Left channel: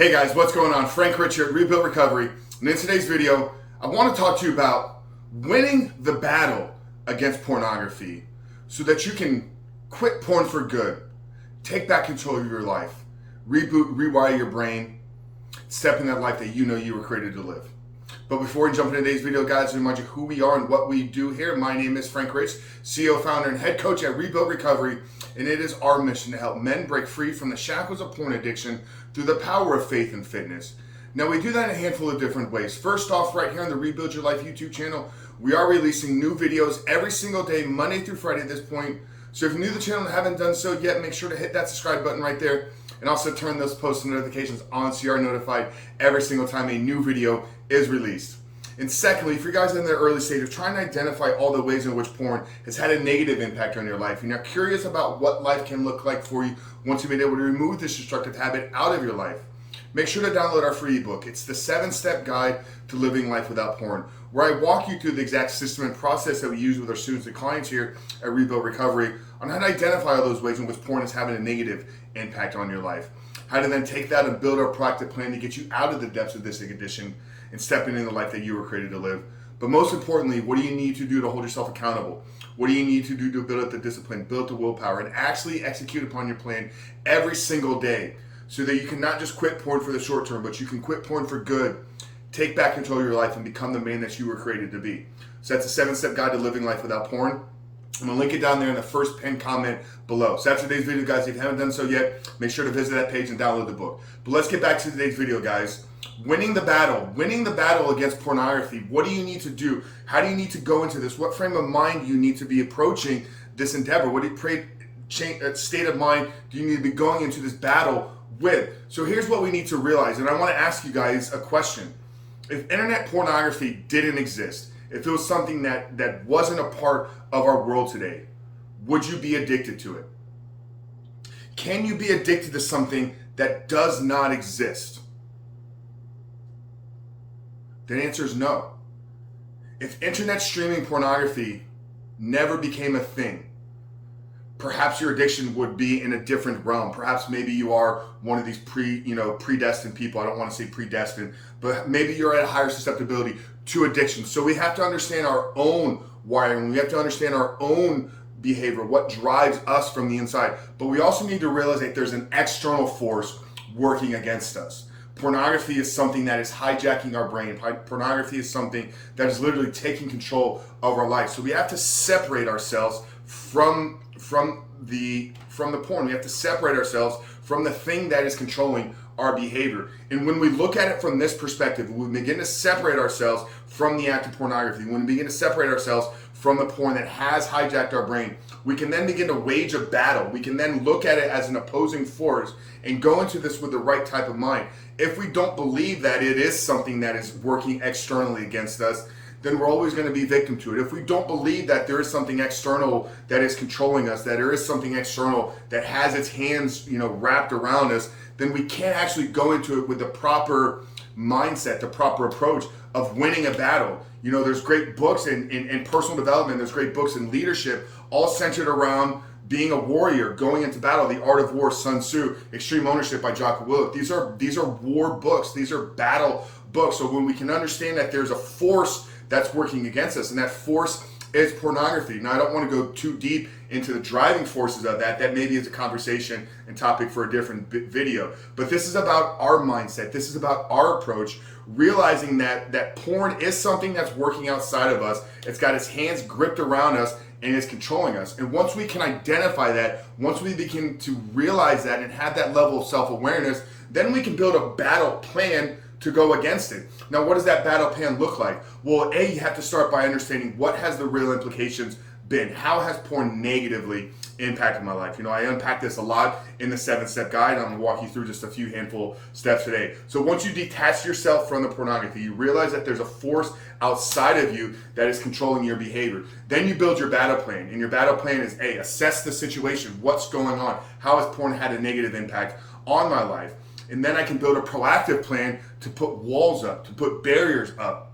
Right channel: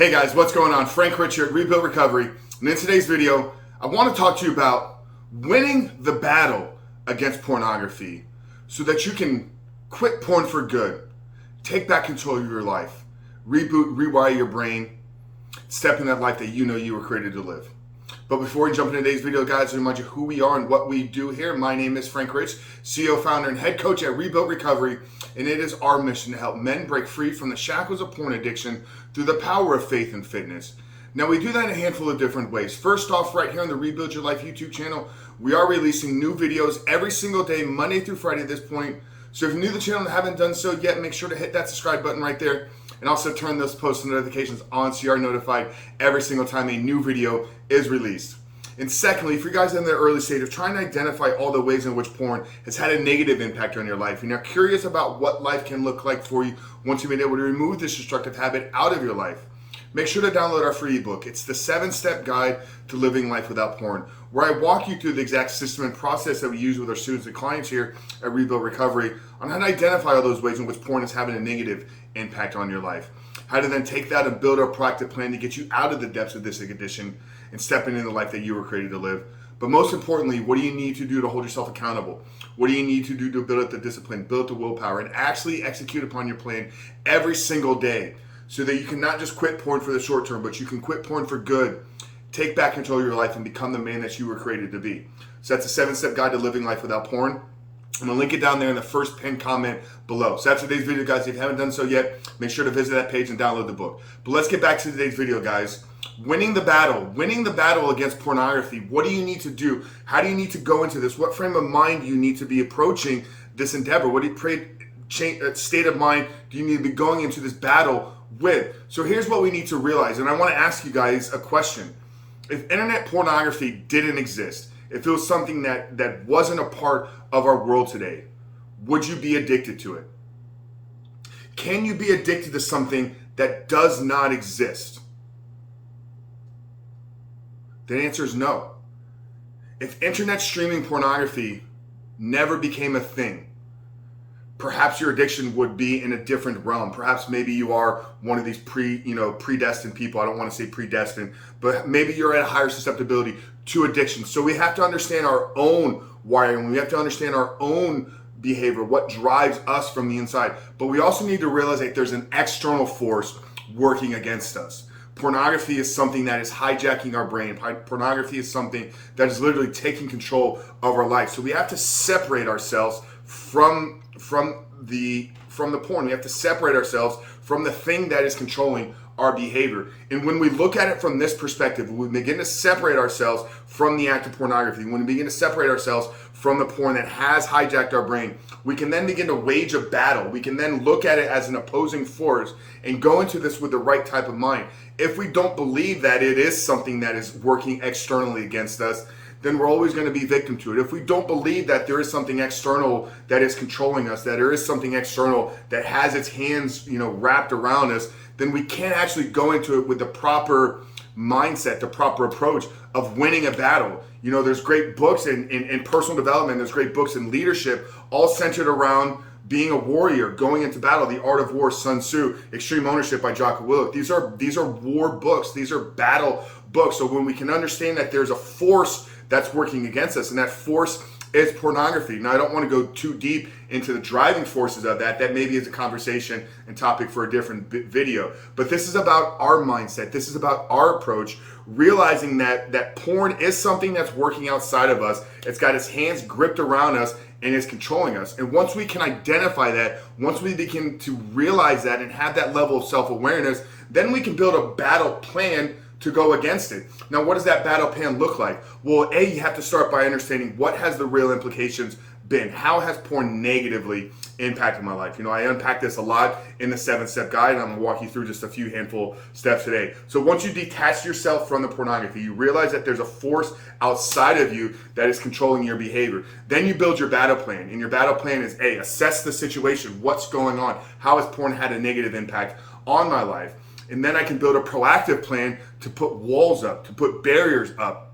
Hey guys, what's going on? Frank Richard, Rebuild Recovery. And in today's video, I want to talk to you about winning the battle against pornography so that you can quit porn for good, take back control of your life, reboot, rewire your brain, step in that life that you know you were created to live. But before we jump into today's video, guys, I remind you who we are and what we do here. My name is Frank Rich, CEO, founder, and head coach at Rebuild Recovery, and it is our mission to help men break free from the shackles of porn addiction through the power of faith and fitness. Now, we do that in a handful of different ways. First off, right here on the Rebuild Your Life YouTube channel, we are releasing new videos every single day, Monday through Friday at this point. So if you're new to the channel and haven't done so yet, make sure to hit that subscribe button right there, and also turn those post notifications on so you are notified every single time a new video is released. And secondly, if you guys are in the early stage of trying to identify all the ways in which porn has had a negative impact on your life, and you're curious about what life can look like for you once you've been able to remove this destructive habit out of your life, make sure to download our free ebook. It's the 7-step guide to living life without porn, where I walk you through the exact system and process that we use with our students and clients here at Rebuild Recovery on how to identify all those ways in which porn is having a negative impact on your life, how to then take that and build a proactive plan to get you out of the depths of this addiction and stepping into the life that you were created to live. But most importantly, what do you need to do to hold yourself accountable? What do you need to do to build up the discipline, build up the willpower, and actually execute upon your plan every single day so that you can not just quit porn for the short term, but you can quit porn for good, take back control of your life, and become the man that you were created to be. So that's a 7-step guide to living life without porn. I'm going to link it down there in the first pinned comment below. So after today's video, guys, if you haven't done so yet, make sure to visit that page and download the book. But let's get back to today's video, guys. Winning the battle against pornography. What do you need to do? How do you need to go into this? What frame of mind do you need to be approaching this endeavor? What state of mind do you need to be going into this battle with? So here's what we need to realize, and I want to ask you guys a question. If internet pornography didn't exist, if it was something that wasn't a part of our world today, would you be addicted to it? Can you be addicted to something that does not exist? The answer is no. If internet streaming pornography never became a thing, perhaps your addiction would be in a different realm. Perhaps maybe you are one of these predestined people. I don't want to say predestined, but maybe you're at a higher susceptibility to addiction. So we have to understand our own wiring. We have to understand our own behavior, what drives us from the inside. But we also need to realize that there's an external force working against us. Pornography is something that is hijacking our brain. Pornography is something that is literally taking control of our life. So we have to separate ourselves from the porn. We have to separate ourselves from the thing that is controlling our behavior. And when we look at it from this perspective, when we begin to separate ourselves from the act of pornography, when we begin to separate ourselves from the porn that has hijacked our brain, we can then begin to wage a battle. We can then look at it as an opposing force and go into this with the right type of mind. If we don't believe that it is something that is working externally against us, then we're always going to be victim to it. If we don't believe that there is something external that is controlling us, that there is something external that has its hands, wrapped around us, then we can't actually go into it with the proper mindset, the proper approach of winning a battle. There's great books in personal development, there's great books in leadership, all centered around being a warrior, going into battle. The Art of War, Sun Tzu, Extreme Ownership by Jocko Willink. These are war books. These are battle books. So when we can understand that there's a force that's working against us, and that force is pornography. Now, I don't want to go too deep into the driving forces of that. That maybe is a conversation and topic for a different video. But this is about our mindset. This is about our approach, realizing that porn is something that's working outside of us. It's got its hands gripped around us and is controlling us. And once we can identify that, once we begin to realize that and have that level of self-awareness, then we can build a battle plan to go against it. Now, what does that battle plan look like? Well, you have to start by understanding what has the real implications been. How has porn negatively impacted my life? I unpack this a lot in the 7-step guide, and I'm gonna walk you through just a few handful steps today. So once you detach yourself from the pornography, you realize that there's a force outside of you that is controlling your behavior. Then you build your battle plan, and your battle plan is assess the situation. What's going on? How has porn had a negative impact on my life? And then I can build a proactive plan to put walls up, to put barriers up,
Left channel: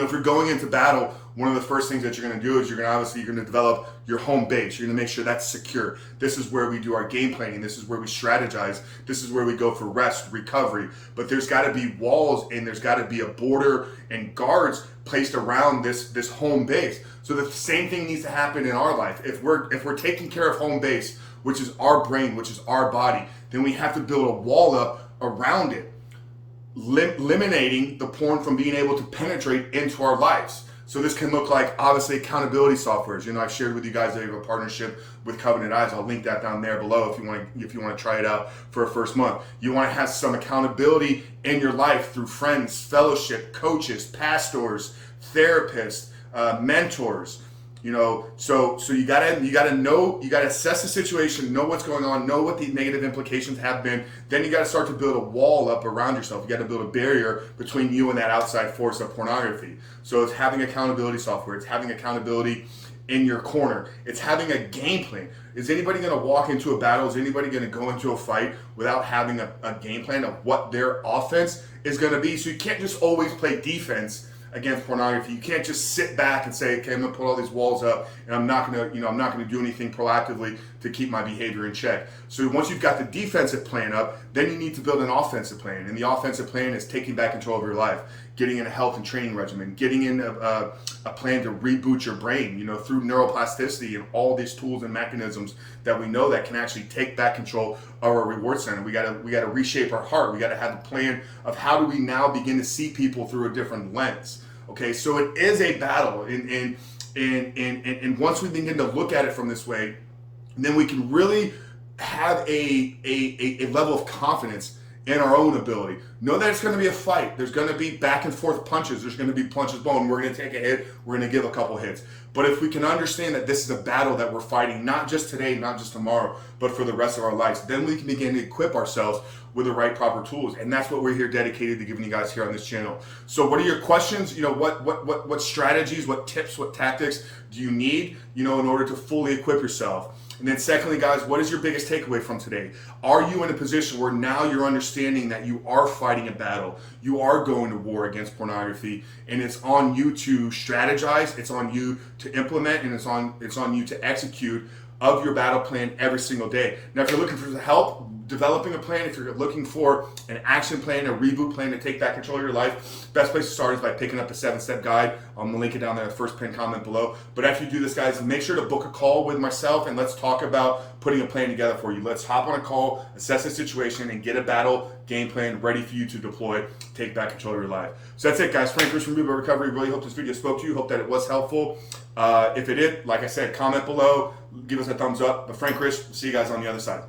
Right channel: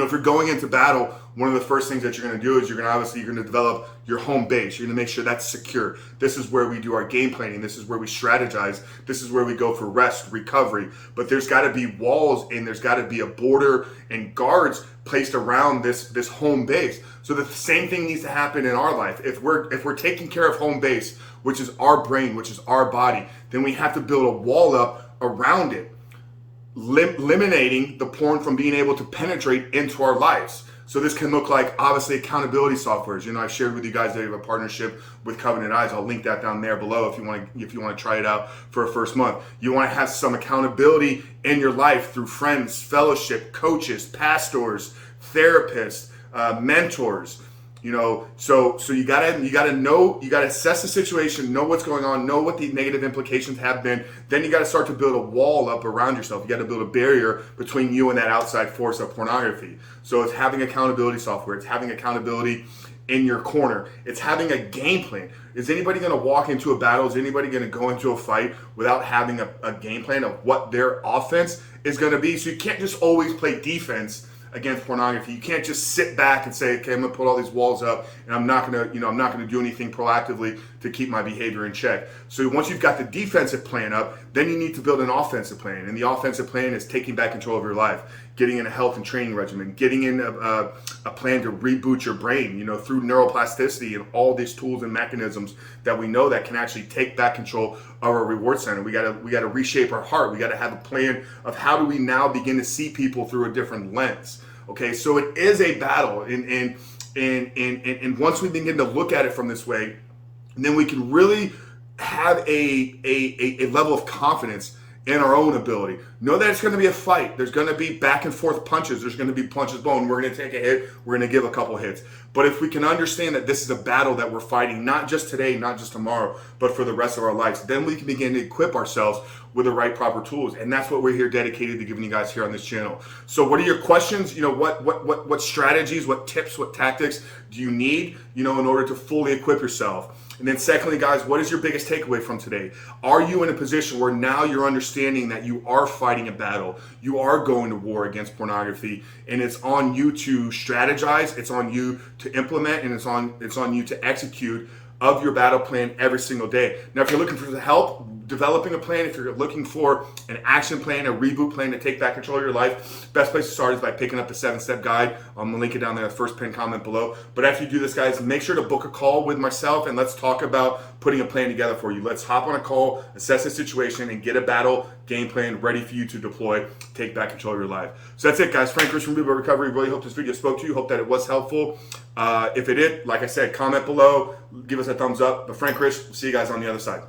If you're going into battle, one of the first things that you're going to do is you're going to develop your home base. You're going to make sure that's secure. This is where we do our game planning. This is where we strategize. This is where we go for rest, recovery. But there's got to be walls, and there's got to be a border and guards placed around this home base. So the same thing needs to happen in our life. If we're taking care of home base, which is our brain, which is our body, then we have to build a wall up around it, eliminating the porn from being able to penetrate into our lives. So this can look like, obviously, accountability softwares. I shared with you guys that I have a partnership with Covenant Eyes. I'll link that down there below if you want to try it out for a first month. You want to have some accountability in your life through friends, fellowship, coaches, pastors, therapists, mentors. So you gotta know, you gotta assess the situation, know what's going on, know what the negative implications have been. Then you gotta start to build a wall up around yourself. You gotta build a barrier between you and that outside force of pornography. So it's having accountability software. It's having accountability in your corner. It's having a game plan. Is anybody gonna walk into a battle? Is anybody gonna go into a fight without having a game plan of what their offense is gonna be? So you can't just always play defense against pornography. You can't just sit back and say, okay, I'm gonna put all these walls up and I'm not gonna do anything proactively to keep my behavior in check. So once you've got the defensive plan up, then you need to build an offensive plan. And the offensive plan is taking back control of your life, getting in a health and training regimen, getting in a plan to reboot your brain, through neuroplasticity and all these tools and mechanisms that we know that can actually take back control of our reward center. We gotta reshape our heart. We gotta have a plan of how do we now begin to see people through a different lens. Okay, so it is a battle, and once we begin to look at it from this way, then we can really have a level of confidence in our own ability. Know that it's going to be a fight. There's going to be back and forth punches. There's going to be punches blown. We're going to take a hit. We're going to give a couple hits. But if we can understand that this is a battle that we're fighting, not just today, not just tomorrow, but for the rest of our lives, then we can begin to equip ourselves with the right proper tools. And that's what we're here dedicated to giving you guys here on this channel. So what are your questions? What strategies, what tips, what tactics do you need, in order to fully equip yourself? And then secondly, guys, what is your biggest takeaway from today? Are you in a position where now you're understanding that you are fighting a battle, you are going to war against pornography, and it's on you to strategize, it's on you to implement, and it's on you to execute of your battle plan every single day. Now, if you're looking for help developing a plan, if you're looking for an action plan, a reboot plan to take back control of your life, best place to start is by picking up the 7-step guide. I'm gonna link it down there in the first pinned comment below. But after you do this, guys, make sure to book a call with myself and let's talk about putting a plan together for you. Let's hop on a call, assess the situation, and get a battle game plan ready for you to deploy, take back control of your life. So that's it, guys. Frank Chris from Reboot Recovery. Really hope this video spoke to you. Hope that it was helpful. If it did, like I said, comment below, give us a thumbs up. But Frank Chris, see you guys on the other side.